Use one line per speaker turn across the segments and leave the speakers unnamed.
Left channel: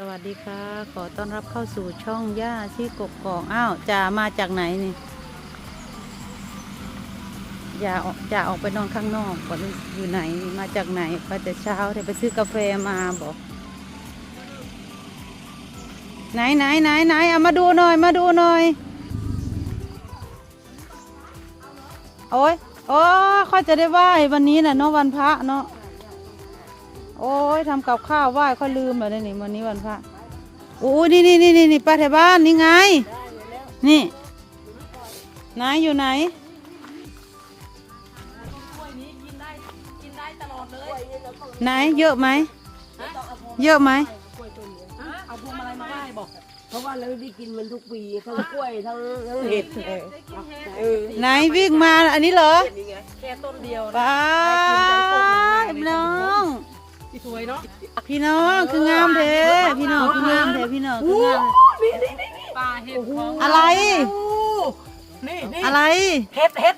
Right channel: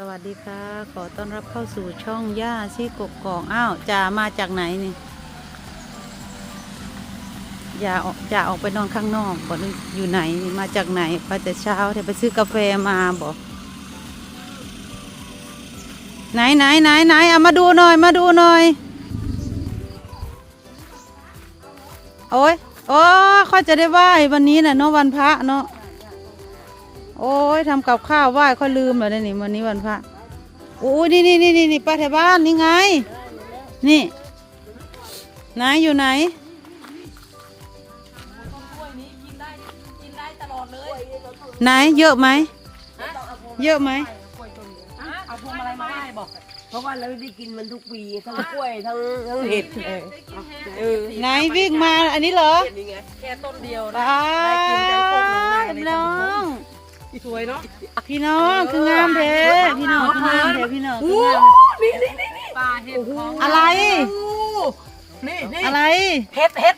สวัสดีค่ะ ขอต้อนรับเข้าสู่ช่องย่าที่กกกองอ้าวจ่ามาจากไหนนี่อย่าออกจ่าออกไปนอนข้างนอกบอกอยู่ไหนมาจากไหนไปแต่เช้าเดี๋ยวไปซื้อกาแฟมาบอกไหนไหนไหนไหนเอามาดูหน่อยมาดูหน่อย โอ้ยโอ้เขาจะได้ไหว้วันนี้น่ะเนาะวันพระเนาะ โอ้ยทำกับข้าวไหว้เขาลืมเลยนี่วันนี้วันพระโอ้ยนี่นี่นี่นี่นี่ป้าแถวบ้านนี่ไง นี่ไหนอยู่ไหนไหนเยอะไหมเยอะไหม
เอาพวงมาลัยมาไหว้บอก เพราะว่าเราได้กินมันทุกปีทั้งกล้วยทั้งทั้งเห็ดเลยเออ
ไหนวิ่งมาอันนี้เหรอ
นี่ไงแค่ต้นเดียว
ป้าพี่น้อง
สวยเนาะ
พี่น้องคืองามเด้พี่น้องคืองามเด้พี่น้องคืองาม
นี่นี่นี่นี่ปลาเห็ด
อะไร
นี่นี่
อะไร
เห็ดเห็ด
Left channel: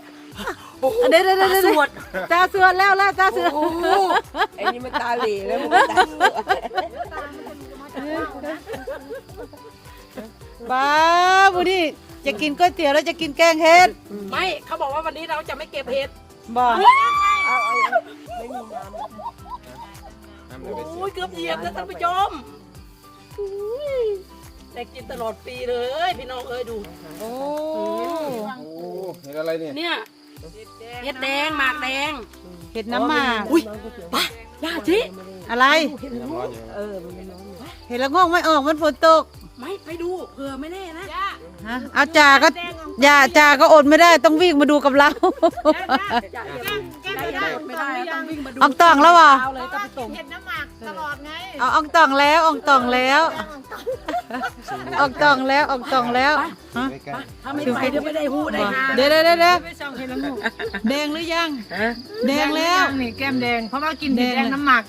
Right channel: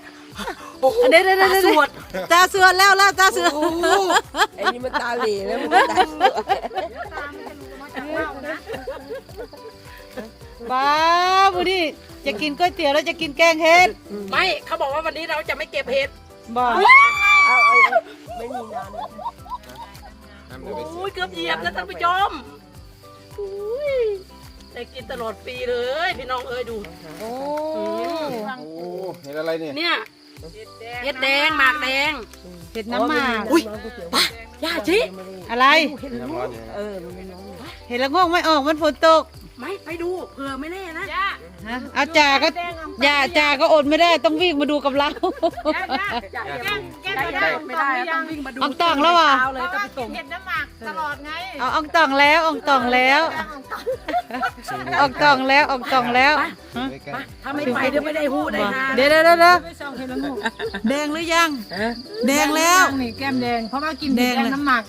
เดี๋ยวเดี๋ยวเดี๋ยวเดี๋ยวตาเสือแล้วแล้วตาเสือ
โอ้โหไอ้นี่มันตาเหล่แล้วมันตาเหล่
บ้าบุดิจะกินก๋วยเตี๋ยวแล้วจะกินแกงเห็ด
ไม่เขาบอกว่าวันนี้เราจะไม่เก็บเห็ด
บอก
โอ้ยเกือบเหยียบแล้วท่านผู้ชมอุ้ยได้กินตลอดปีเลย พี่น้องเอ้ยดู
โอ้
โอ้เห็นอะไรเนี่ย
เนี่ยเห็ดแดงหมากแดง
เห็ดน้ำหมาก
อุ้ยป้าย่าจี
อะไร
เห็ดลูกเออ
เห็ดละโงกไม่ออกมันฝนตก
ไม่ไปดูเผื่อไม่แน่นะ
ฮะเอาจ่าก็อย่าจ่าก็อดไม่ได้ต้องวิ่งมาดูกับเรา
ได้ยังไม่ได้ต้องวิ่งมาดู
อองต่องแล้วเหรอ
เช้าเลยจะไปส่ง
เอาอองต่องแล้วอองต่องแล้วอองต่องแล้วอองต่องแล้วฮะ
ถ้าไม่ไปเดี๋ยวไม่ได้หูได้หา
เดี๋ยวเดี๋ยวเดี๋ยวเดี๋ยวแดงหรือยัง แดงแล้ว
นี่แก้มแดง เพราะว่ากิน
แด
แด
ง
ง
เลย
น้ำหมัก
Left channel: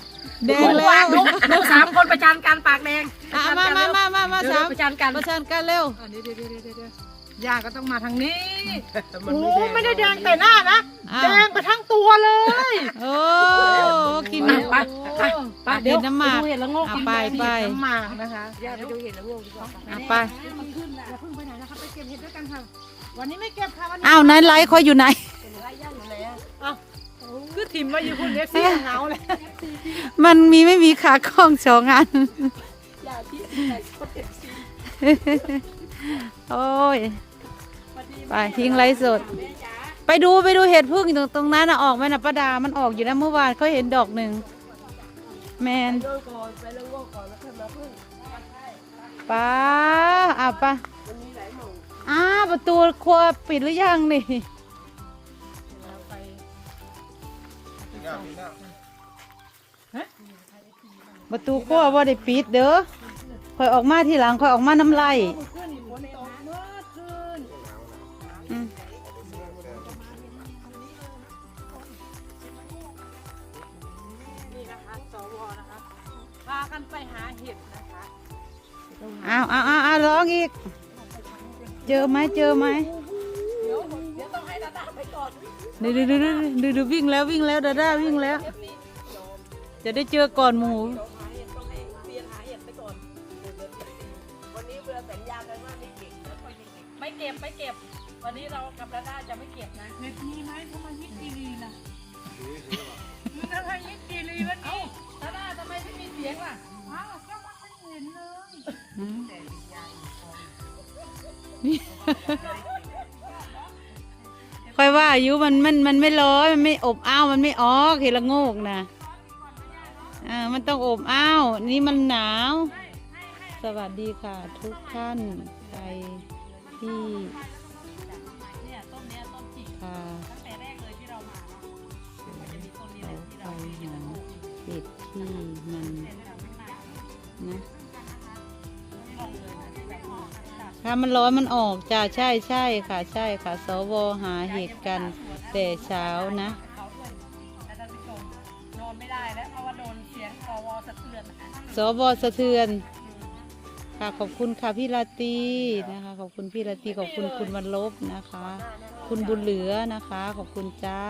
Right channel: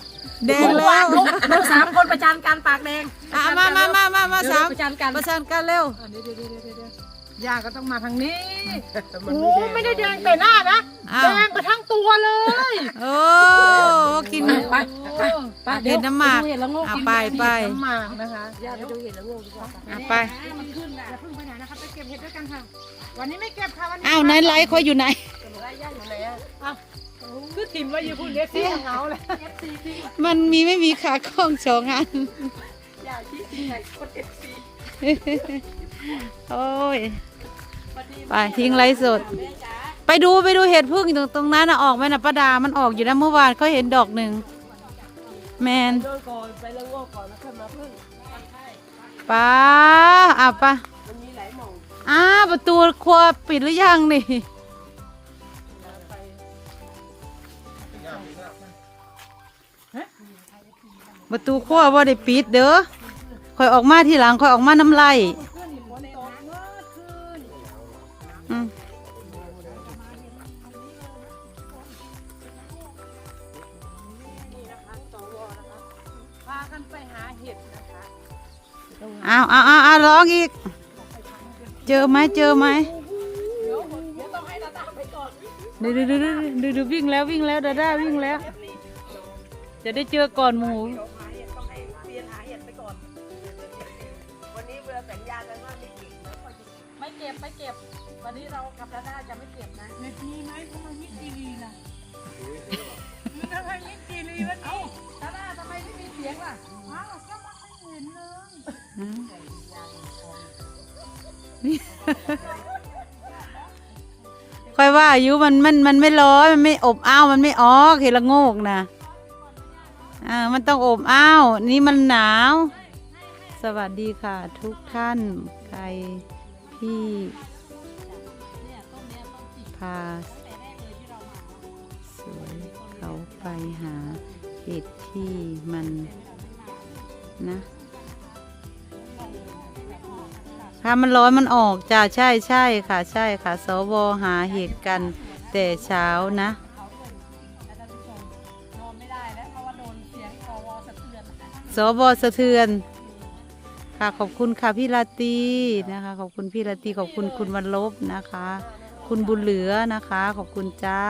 แดงแล้ว
ลูกลูกสามคนประจานการปากแดง
อะมามามามามาสาม
ประจานกัน
ประชันกันเร็ว
ย่าก็ต้องมาทางนี้
มัน
โอ้
ไม่แดง
ไม่ได้แดงแต่หน้านะ
อ้า
แด
ว
งไปทั้งตัวเลย
โอ้กิน
ไปไปไป
เห็ดน้ำหมาก
เห็ดละโงก
อะไปไป
น้ำหมักนะคะ
ย่าไปดูเห็ดละโงกดีกว่า
อะไป
อย่าเพิ่งไปไหนนะคะไปเก็บเห็ดด้วยกันเถอะวันนี้ไม่เก็บค่ะวันนี้
อ้าวไหนไลฟ์คอยอยู่ไหน
ย่าอยู่ไหนอะ
คือถิ่มมาอยู่คุณเล็กซี่หนาวเลย
มันมีไม่มีขากล้องสองอัน
ย่า ที่ไหนคนเอฟซี
โอ้ย ไปทิ้งไลฟ์สด ไปดูไปดูเห็ดพึ่งอยู่ตรงตรงนั้นนะออกไหมนะป้าดา มันออกอยู่นะเมื่อวานเขาเห็นดอกหนึ่ง แมน
โดนก่อนไปละโงกก่อนแล้วค่อยมาพึ่ง
ป้าอะป้า
มันมีหลายหม่อง
อ้าประตูครัวปิดหรือยังนี่ประตูครัวว่าได้ปิดเด้อค อยออกมาทีหลังคอยออกมาน้ำไหลา
ย
อ้าวอ้าวอ้าวร้องอีก เจอไหมเจอไหม
เดี๋ยวเดี๋ยวต้องให้ดาดาไปก่อน
ดูดูดูดูดูดูวิ่งแล้ววิ่งแล้วดาด้าวิ่งแล้ว จะได้เจอก่อนหมู
ก็บไม่เก็บไม่เก็บ วันนี้เรากับดาดาจะไม่เก็บนะ
เห็ดมีไหมทำไมยิกกีรีล่ะทำไมยิกกีรีวันนี้
ดาดาทำไมไม่มีเสียงล่ะ
อ้าวก็มาให้เห็นเลย
อืมค่อยว่าอายุมันมันมันไม่ร้อนมันไม่อบอ้าวมันไม่ออกเห็นละโงกนะอ่ามันต้องอบอ้าวนี่มันหนาว สวัสดีค่ะทุกท่านใคร ที่
เนี่ยต้นเนี้ยต้นจิก
พา
ตั้งแต่แรกเลยที่เรามา
สวนเขาไปหาเห็ดที่มันนะถ้ามันร้อนมันออกจ้าใช่ใช่ค่ะ ใช่ค่ะ สวหาเห็ดกันแต่เช้านะ
เค่ะ
ขอบคุณค่ะพี่ลาตีนะคะ ขอบคุณพี่ลาตีขอบคุณคุณวันลบนะคะ คุณบุญเหลือนะคะ ขอบคุณจ้า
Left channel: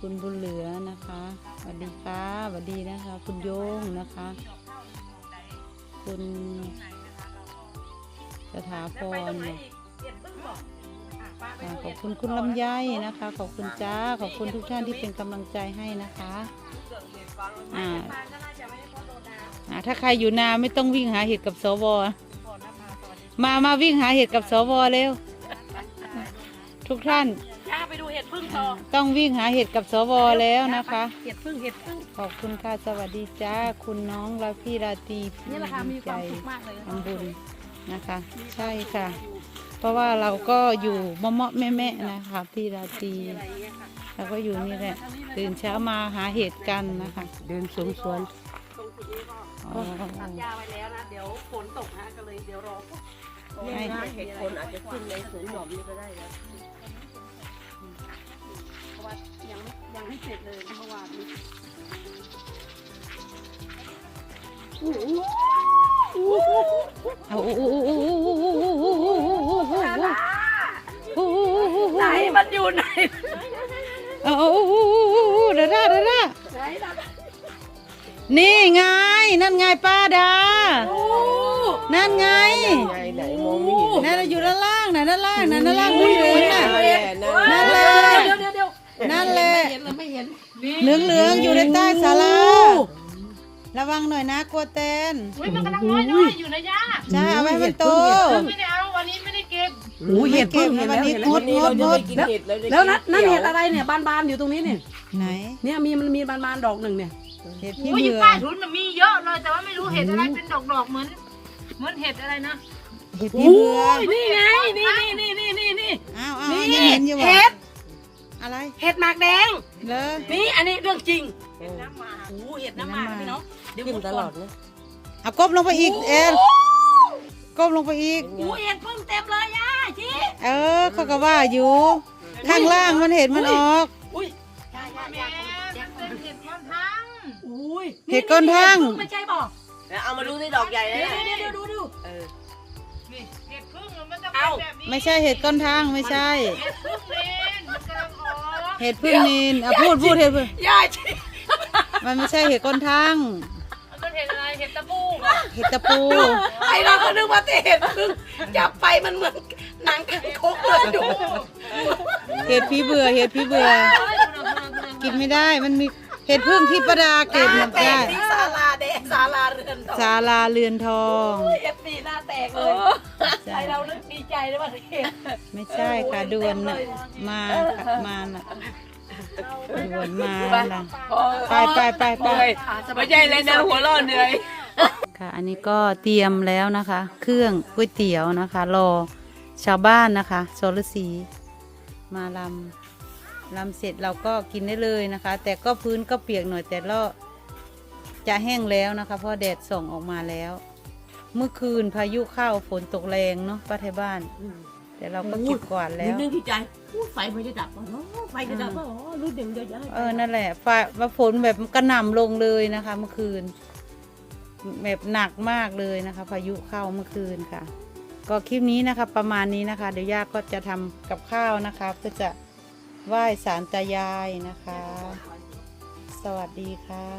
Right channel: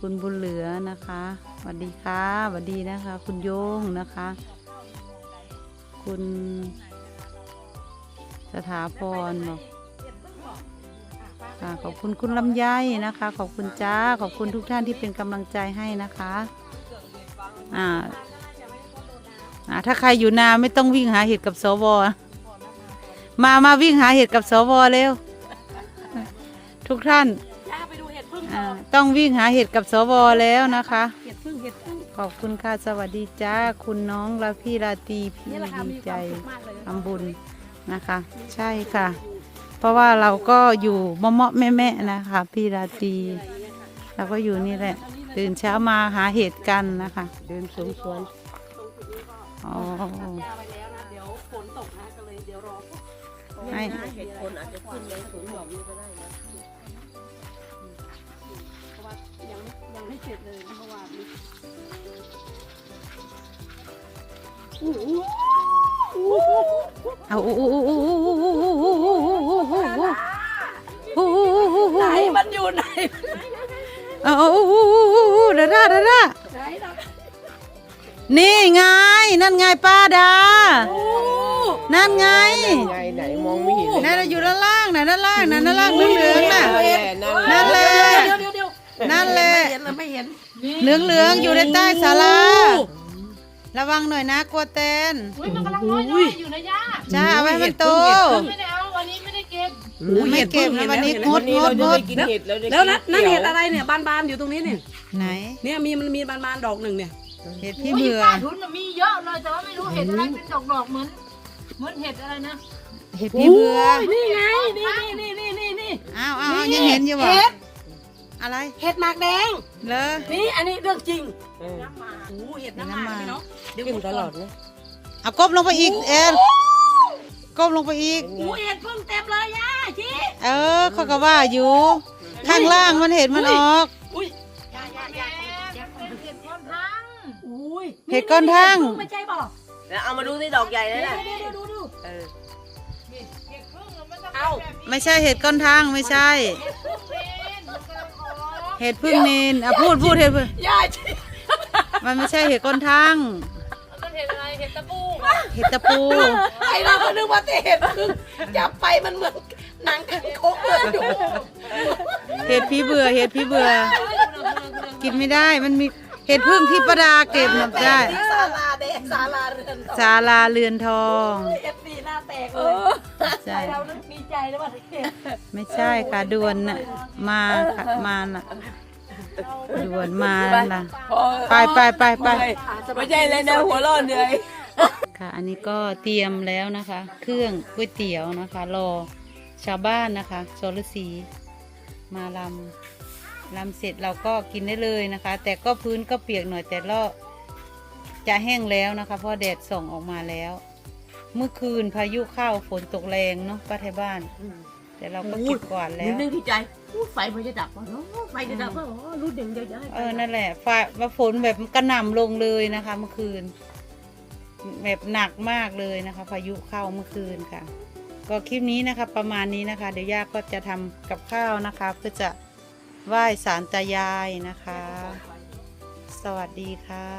คุณบุญเหลือนะคะสวัสดีค่ะสวัสดีนะคะ คุณโยงนะคะ คุณสถาพรขอบคุณคุณลำไยนะคะ ขอบคุณจ้า ขอบคุณทุกท่านที่เป็นกำลังใจให้นะคะ อ่า ถ้าใครอยู่นาไม่ต้องวิ่งหาเห็ดกับสวมามาวิ่งหาเห็ดกับสวเร็ว ทุกท่าน
ย่าไปดูเห็ดพึ่งต้อ
งวิ่งหาเห็ดกับสวแล้วนะคะ
เห็ดพึ่งเห็ดพึ่ง
ขอบคุณค่ะสวัสดีจ้าคุณน้องราพี่ราตีพี่
ค่ะ
ดีใจทำบุญนะคะ ใช่ค่ะ เพราะว่าเราก็อยู่มาะมาะแม่แม่นะคะ พี่ราตี
เรา
ก็อยู่นี่แหละตื่นเช้ามาหาเห็ดกันนะคะ
เดินสวนส
ตัดยาไว้แล้วนะ เดี๋ยวฝนตกนะก็เลยเดี๋ยวรอ
ไม่ได้
เห็ดคนอาจจะขึ้นในสูงหน่อยก็ได้นะเพราะว่ายังยังไม่เสร็จเลยเมื่อวานนี้
โอ้ไหนมันอยู่ไหนเอ้าดาดาดา
ไหนดา
นี่ไง นั่นไงป้าดา
โอ้
นั่นไง
ไงไหนมองไม่เห็น
นั่นน่ะอยู่ด้านล่างน่ะด้านล่างน่ะด้านล่างเหลืองๆน่ะ นั่นแหละ
เดี๋ยวเดี๋ยวเดี๋ยว
นั่นแหละ
ไม่เห็นเลยไม่เห็น
เหลืองเหลืองๆอยู่ในใต้ศาลาระวังหน่อยนะกลัวเตน
อุ้ยมันกำลังน้อยน้อยๆอยู่นะย่า
จ้าเอาไว้ให้มันโต
ไม่ได้เอาวันนี้ไม่ได้เก็บ
ไม่เก็บนะวันนี้งดงดงด
แล้วนั่นนั่นเห็ดอะไรเนี่ยบานๆอยู่ตรงนี้เนี่ย
ไหน
เนี่ยมีมันมีบานๆดอกหนึ่งเนี่ย
เห็ดพี่
อุ้ย
เบื่อ
ป้าทุนมันมีเยอะเลยแต่ว่าไม่รู้เห็ดอะไรเป็นดอกดอกๆเหมือนเหมือนเห็ดอะไรนะ
เห็ดพี่เบื่อ
นี่ไงนี่นี่นี่นี่นี่
อ้าวอ้าวยังเห็นอยู่บ่
เห็ด
อะไร
เห็ดหมากแดง
เลอ
นี่อันนี้เรื่องจริงโอ้เห็ดน้ำหมากพี่น้องเดี๋ยวตลอดเลย
เอาก้มลงไปอีกแอนก้มลงไปอีก
โอ้เห็ดเพิ่งเต็มเลยย่าชี
เออเขาก็ว่าอยู่ ข้างล่างมันเห็นมันออก
ย
เห็ดก้อนทั้ง
ไม่ใช่บอก
เอามาดูที่ดอกใหญ่เลย
เดี๋ยว
นะ
เดี๋ยวเดี๋ยวดูดู
นี่เห็ดพึ่งมันจะ
เอา
เป็นแบบนี้
ไม่ใช่เห็ดก้อนทางไม่ใช่
เห็ดพึ่งเลนมันกำลังออก
เห็ดพึ่งนินอะพูดพูดเห็ดพึ่ง
ย่าชี
มันไม่ใช่เห็ดก้อนทาง
มันเป็นเห็ดอะไรเห็ดตะปู
เห็ดตะปู
ไอเราก็นึกว่าแต่เห็ดเพิ่งจับไปมันเหมือนหนังกันคกเลยดู
เห็ดพี่เบื่อเห็ดพี่เบื่อ กินไม่ได้มันมี เห็ดพึ่งที่ประดาเก็บนับได้
ที่ศาลาแดงศาลาเรือนทอง
ศาลาเรือนทอง
เห็ดสีหน้าแตกเลย
ใช่
เรานึกดีใจเลยว่าเห็ด
ไม่ใช่ค่ะด่วนน่ะมาค่ะมาน่ะด่วนมาน่ะไปไปไปไป
ไม่ใช่เลยนะหัวเราะเหนื่อย
ค่ะ อันนี้ก็เตรียมแล้วนะคะ เครื่องก๋วยเตี๋ยวนะคะ รอชาวบ้านนะคะโซลสีมาลำ ลำเสร็จเราก็กินได้เลยนะคะ แต่ก็พื้นก็เปียกหน่อยแต่ละจะแห้งแล้วนะคะเพราะแดดส่องออกมาแล้ว เมื่อคืนพายุเข้าฝนตกแรงเนาะป้าไทยบ้าน แต่เราก็เก็บกวาดแล้ว
นึกดีใจอู้ไฟมันจะดับก่อนเนาะไฟจะดับว่าอ๋อรู้เด่งใหญ่ๆ
เออนั่นแหละฟ้าว่าฝนแบบกระหน่ำลงเลยนะคะ เมื่อคืน แบบหนักมากเลยนะคะ พายุเข้าเมื่อคืนค่ะ ก็คลิปนี้นะคะ ประมาณนี้นะคะ เดี๋ยวย่าก็จะทำกับข้าวนะคะ เพื่อจะ ไหว้สารตายายนะคะ สวัสดีค่ะ